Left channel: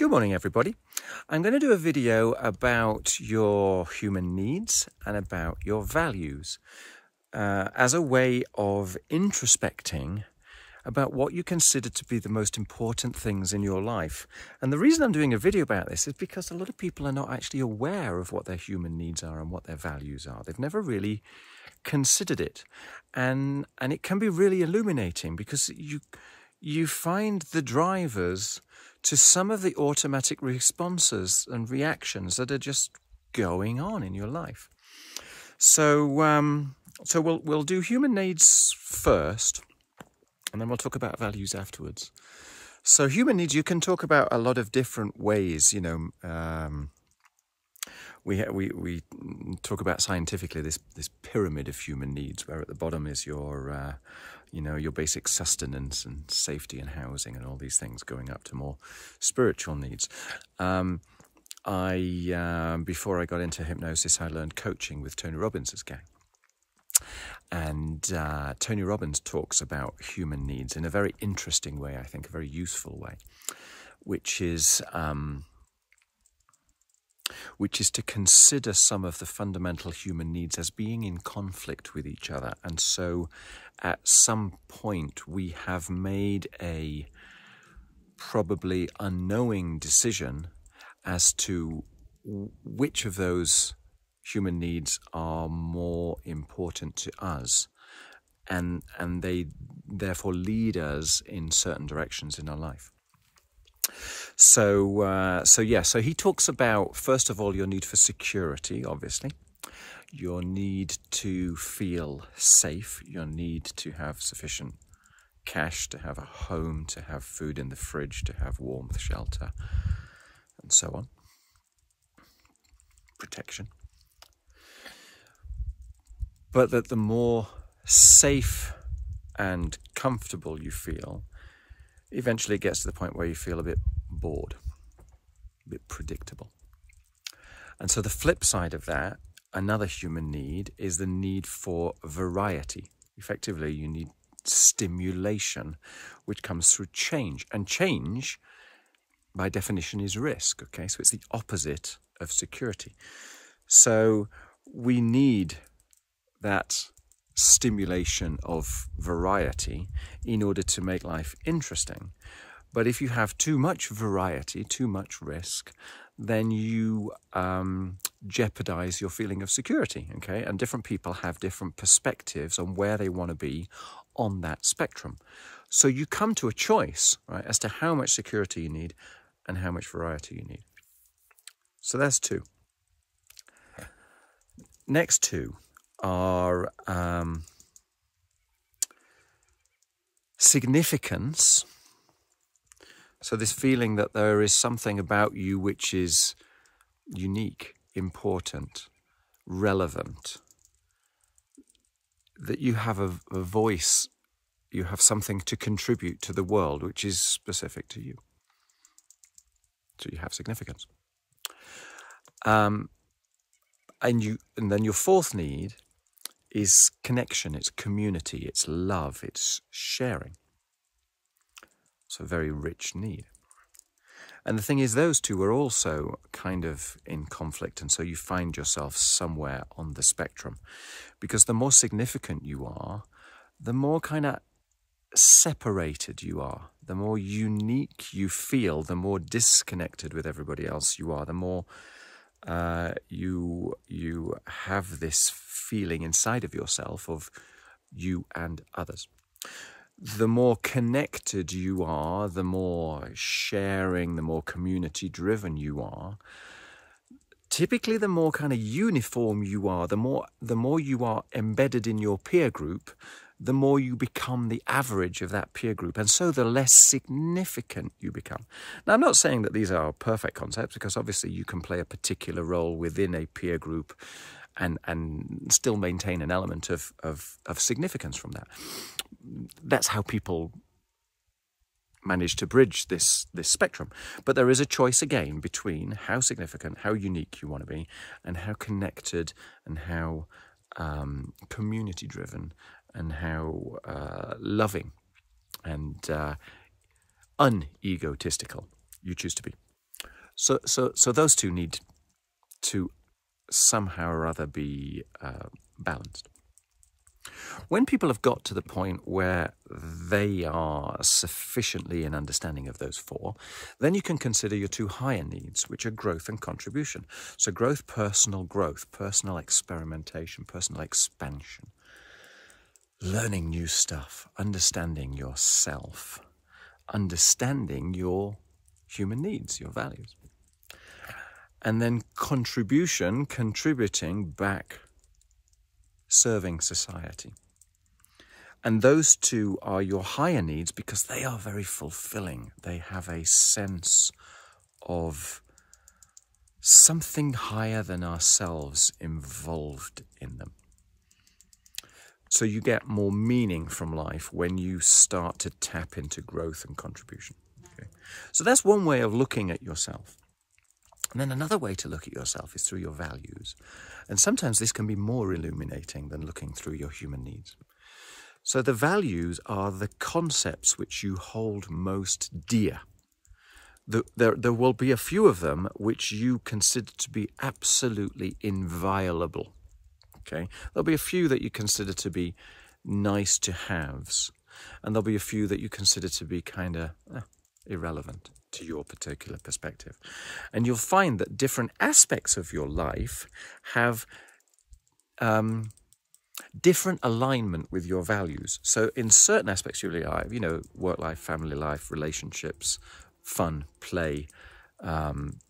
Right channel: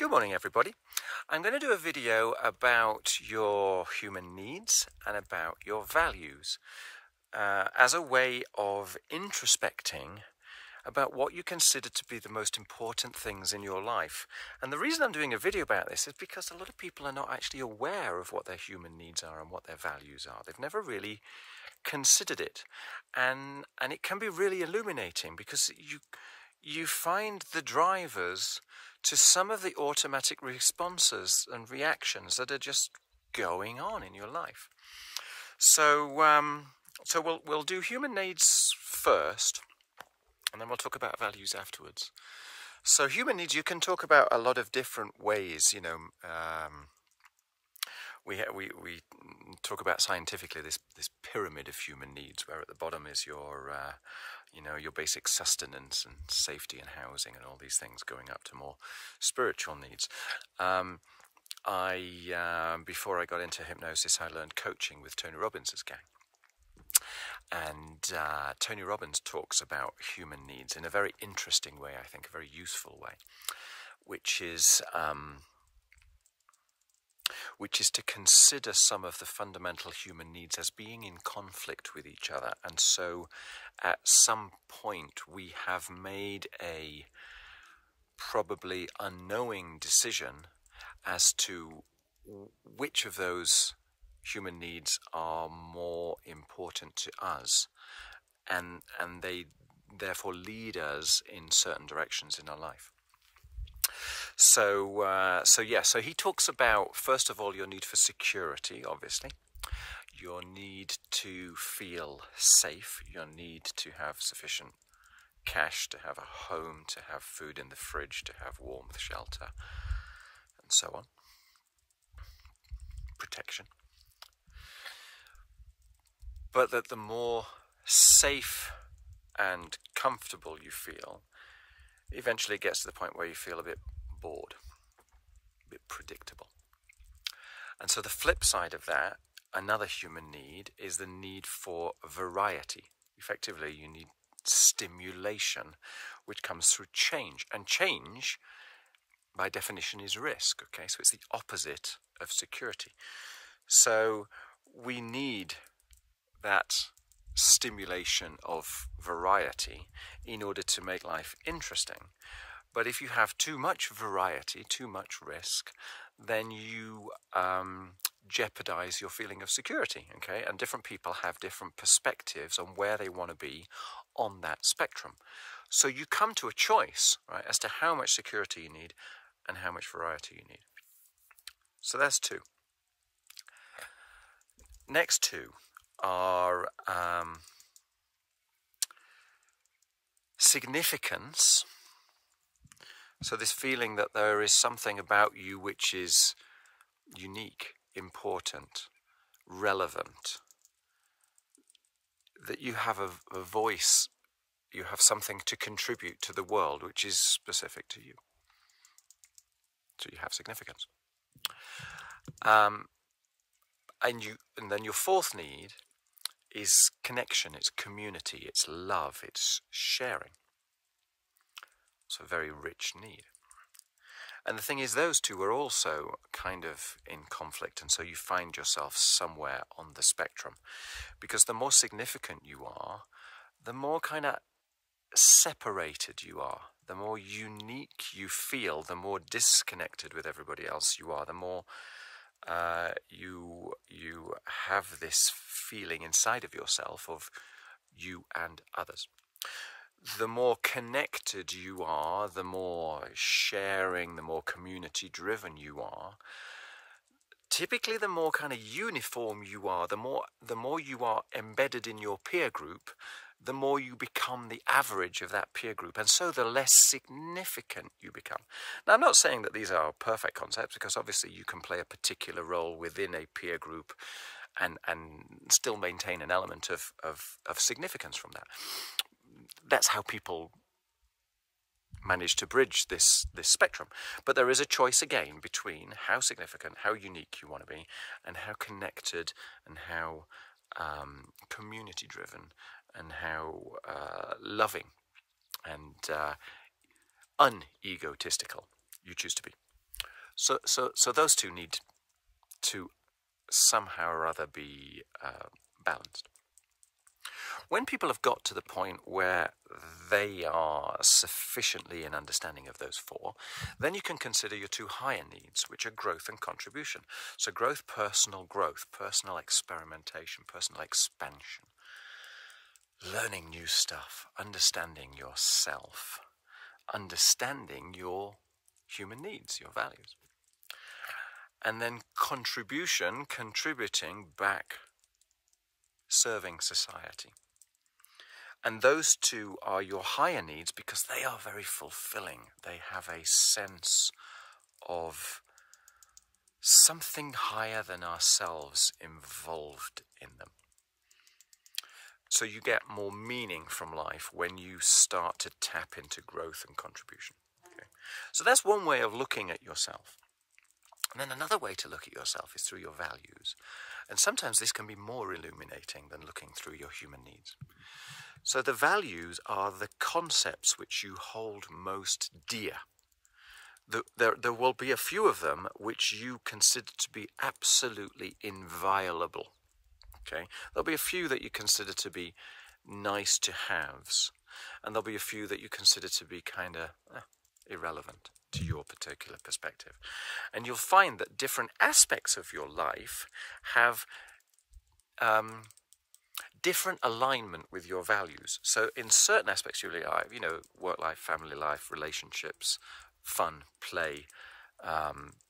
Good morning, everybody. I'm going to do a video about your human needs and about your values as a way of introspecting about what you consider to be the most important things in your life. And the reason I'm doing a video about this is because a lot of people are not actually aware of what their human needs are and what their values are. They've never really considered it. And it can be really illuminating because you find the drivers to some of the automatic responses and reactions that are just going on in your life. So we'll do human needs first, and then we'll talk about values afterwards. So human needs, you can talk about a lot of different ways. You know, we talk about scientifically this pyramid of human needs, where at the bottom is your your basic sustenance and safety and housing and all these things, going up to more spiritual needs. Before I got into hypnosis, I learned coaching with Tony Robbins' gang. And Tony Robbins talks about human needs in a very interesting way, I think, a very useful way, which is to consider some of the fundamental human needs as being in conflict with each other. And so at some point we have made a probably unknowing decision as to which of those human needs are more important to us, and they therefore lead us in certain directions in our life. So he talks about, first of all, your need for security, obviously, your need to feel safe, your need to have sufficient cash, to have a home, to have food in the fridge, to have warmth, shelter, and so on. Protection. But that the more safe and comfortable you feel, eventually it gets to the point where you feel a bit bored, a bit predictable. And so the flip side of that, another human need, is the need for variety. Effectively, you need stimulation, which comes through change. And change, by definition, is risk, okay? So it's the opposite of security. So we need that stimulation of variety in order to make life interesting. But if you have too much variety, too much risk, then you jeopardize your feeling of security, okay? And different people have different perspectives on where they want to be on that spectrum. So you come to a choice, right, as to how much security you need and how much variety you need. So that's two. Next two are significance. So this feeling that there is something about you which is unique, important, relevant, that you have a voice, you have something to contribute to the world which is specific to you. So you have significance. And then your fourth need is connection, it's community, it's love, it's sharing. So a very rich need. And the thing is, those two are also kind of in conflict, and so you find yourself somewhere on the spectrum. Because the more significant you are, the more kind of separated you are, the more unique you feel, the more disconnected with everybody else you are, the more you have this feeling inside of yourself of you and others. The more connected you are, the more sharing, the more community-driven you are, typically the more kind of uniform you are, the more you are embedded in your peer group, the more you become the average of that peer group, and so the less significant you become. Now, I'm not saying that these are perfect concepts, because obviously you can play a particular role within a peer group and still maintain an element of significance from that. That's how people manage to bridge this spectrum. But there is a choice again between how significant, how unique you want to be, and how connected and how community-driven and how loving and unegotistical you choose to be. So those two need to somehow or other be balanced. When people have got to the point where they are sufficiently in understanding of those four, then you can consider your two higher needs, which are growth and contribution. So growth, personal experimentation, personal expansion, learning new stuff, understanding yourself, understanding your human needs, your values. And then contribution, contributing back, serving society. And those two are your higher needs because they are very fulfilling. They have a sense of something higher than ourselves involved in them. So you get more meaning from life when you start to tap into growth and contribution. Okay? So that's one way of looking at yourself. And then another way to look at yourself is through your values. And sometimes this can be more illuminating than looking through your human needs. So the values are the concepts which you hold most dear. There will be a few of them which you consider to be absolutely inviolable. Okay? There'll be a few that you consider to be nice to haves. And there'll be a few that you consider to be kind of irrelevant to your particular perspective. And you'll find that different aspects of your life have different alignment with your values. So in certain aspects of your life, work life, family life, relationships, fun, play,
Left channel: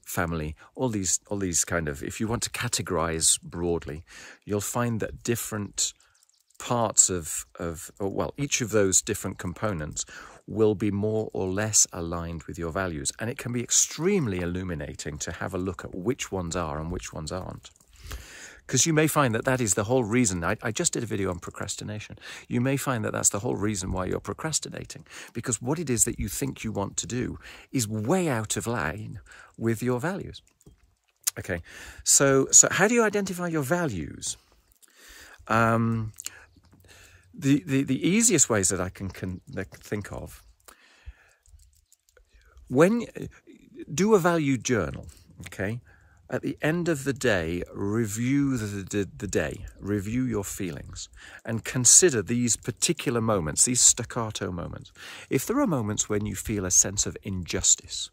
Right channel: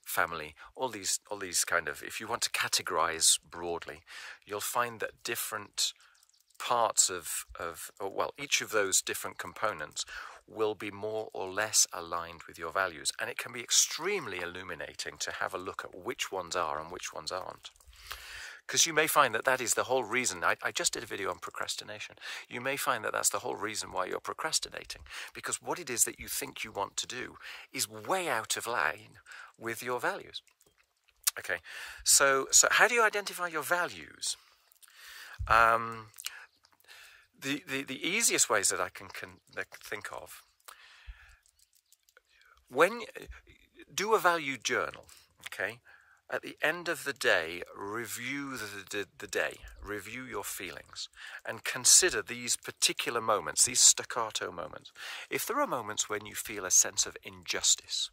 family, all these kind of, if you want to categorize broadly, you'll find that different parts of each of those different components will be more or less aligned with your values. And it can be extremely illuminating to have a look at which ones are and which ones aren't. Because you may find that is the whole reason. I just did a video on procrastination. You may find that that's the whole reason why you're procrastinating. Because what it is that you think you want to do is way out of line with your values. Okay, so how do you identify your values? The easiest ways that I can think of, do a value journal, okay? At the end of the day, review the day, review your feelings, and consider these particular moments, these staccato moments. If there are moments when you feel a sense of injustice,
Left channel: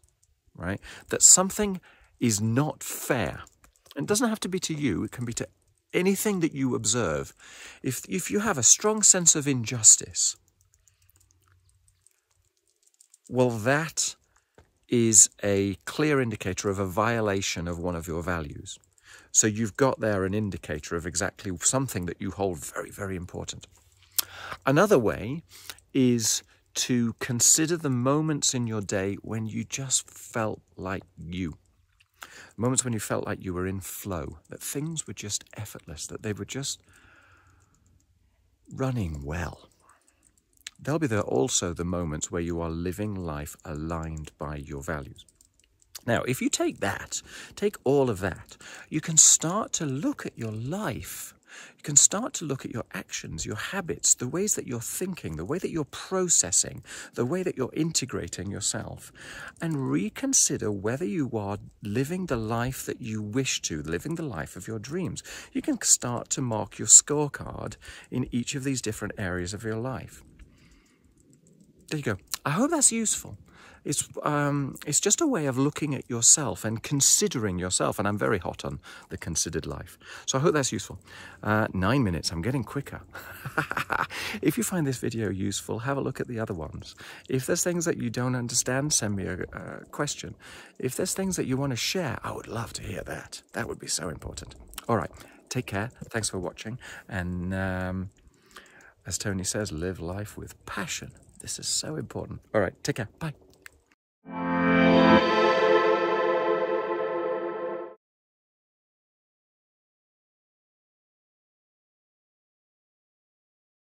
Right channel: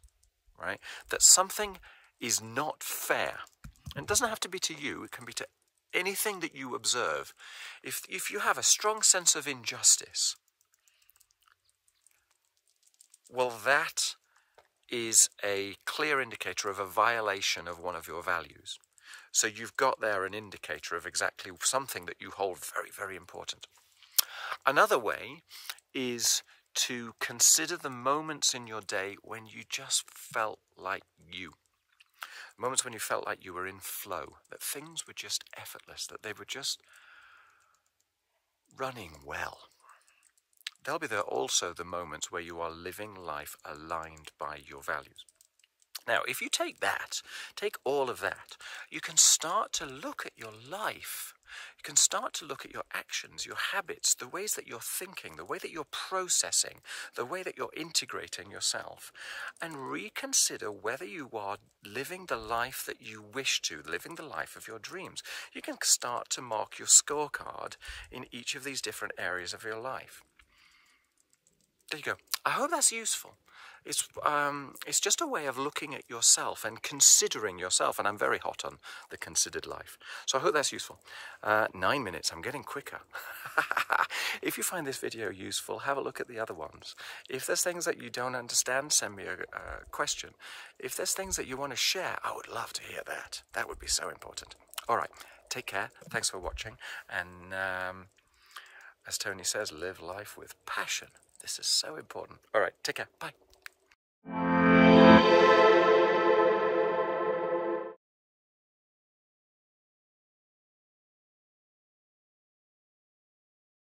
right, that something is not fair, and it doesn't have to be to you, it can be to anything that you observe. If you have a strong sense of injustice, well, that is a clear indicator of a violation of one of your values. So you've got there an indicator of exactly something that you hold very, very important. Another way is to consider the moments in your day when you just felt like you. Moments when you felt like you were in flow, that things were just effortless, that they were just running well. There'll be also the moments where you are living life aligned by your values. Now, if you take all of that, you can start to look at your life. You can start to look at your actions, your habits, the ways that you're thinking, the way that you're processing, the way that you're integrating yourself, and reconsider whether you are living the life that you wish to, living the life of your dreams. You can start to mark your scorecard in each of these different areas of your life. There you go. I hope that's useful. It's just a way of looking at yourself and considering yourself. And I'm very hot on the considered life. So I hope that's useful. 9 minutes. I'm getting quicker. If you find this video useful, have a look at the other ones. If there's things that you don't understand, send me a question. If there's things that you want to share, I would love to hear that. That would be so important. All right. Take care. Thanks for watching. And as Tony says, live life with passion. This is so important. All right, take care. Bye.